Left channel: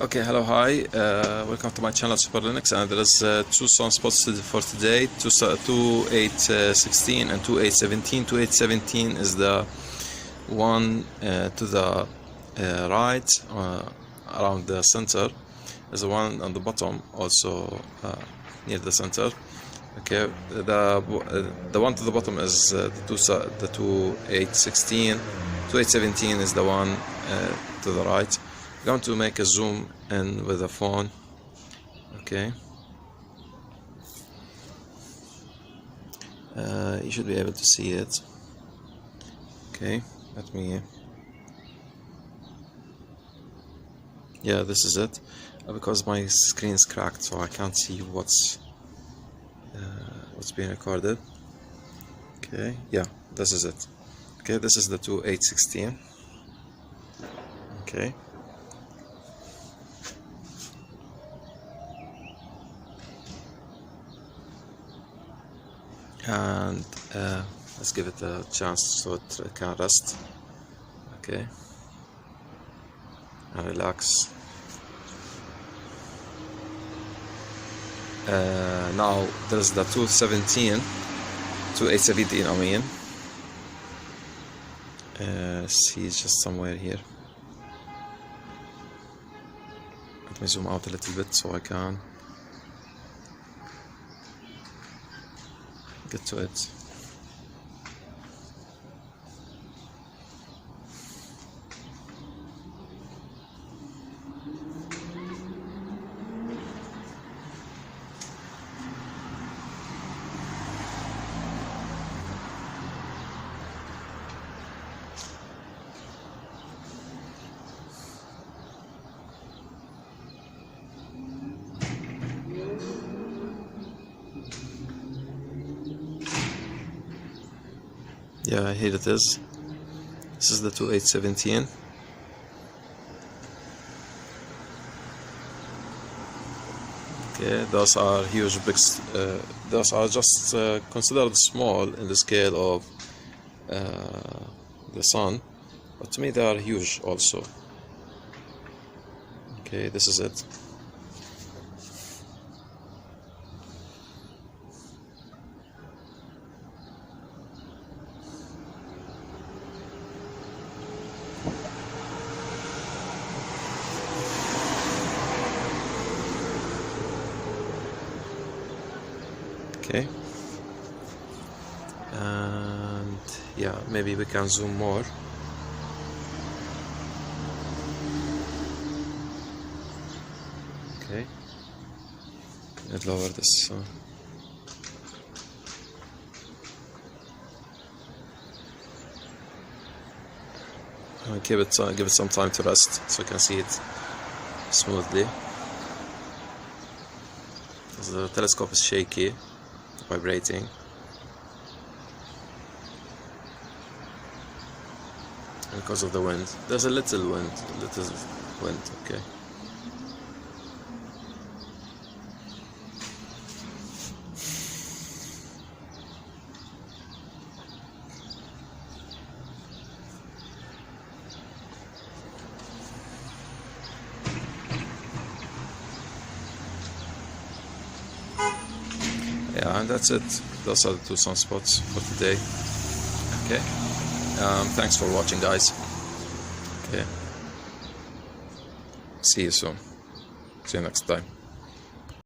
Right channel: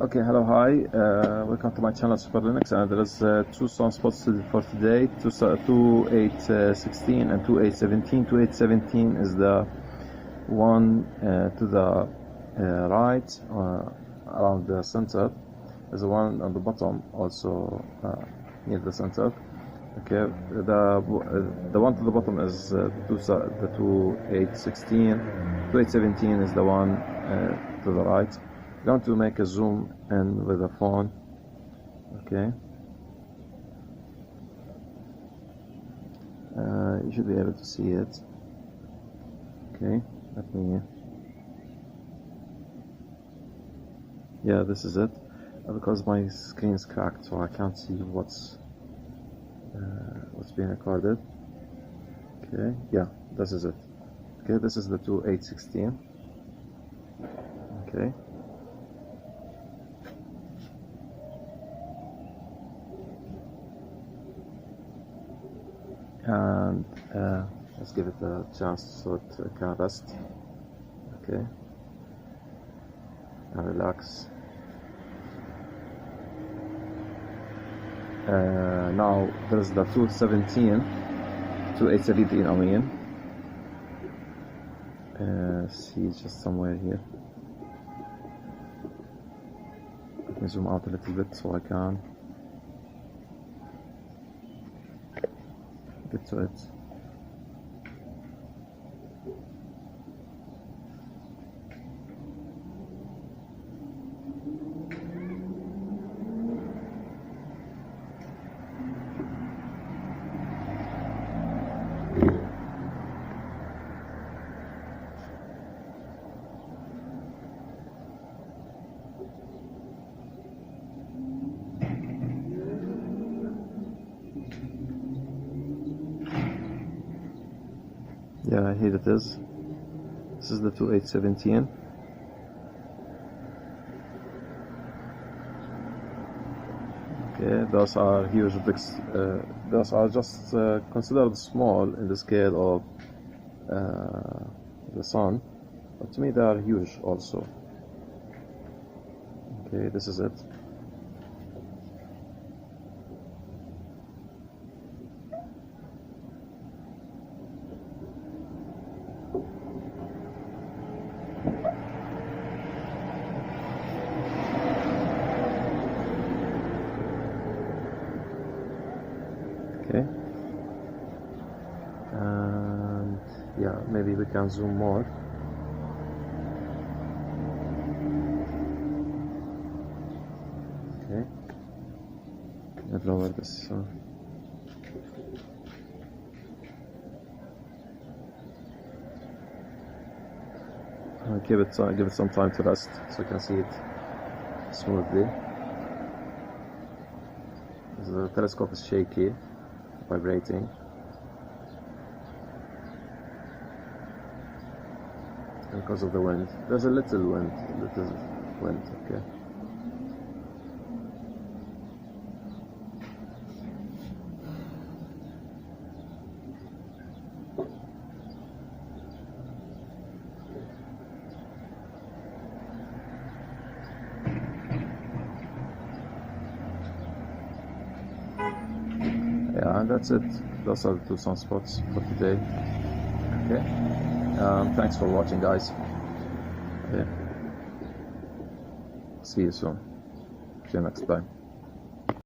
Okay, hello, hi, welcome to my channel Super Linux, and there is two sunspots for today, 2816 and 2817. 2817 is the one to the right, around the center. Is the one on the bottom, also near the center. Okay, the one to the bottom is the 2816. 2817 is the one to the right. I'm going to make a zoom in with the phone. Okay, you should be able to see it. Okay, let me, yeah, this is it, because my screen is cracked, so I can't see what's being recorded. Okay, yeah, this is it. Okay, this is the 2816. Okay, and let's give it a chance so it can rest. Okay, and relax. Now there's the 2817 I mean. See, it's just somewhere here. Let me zoom out a little bit so I can get to it. Yeah, here it is. This is the 2817. Okay, those are huge bricks. Those are just considered small in the scale of the sun, but to me they are huge also. Okay, this is it. Okay, and yeah, maybe we can zoom more. Okay, let's lower this. Give it some time to rest so you can see it smoothly. The telescope is shaky, vibrating. Because of the wind. There's a little wind, okay. Yeah, and that's it. Those are the two sunspots for today. Okay. Thanks for watching, guys. Okay. See you soon. See you next time.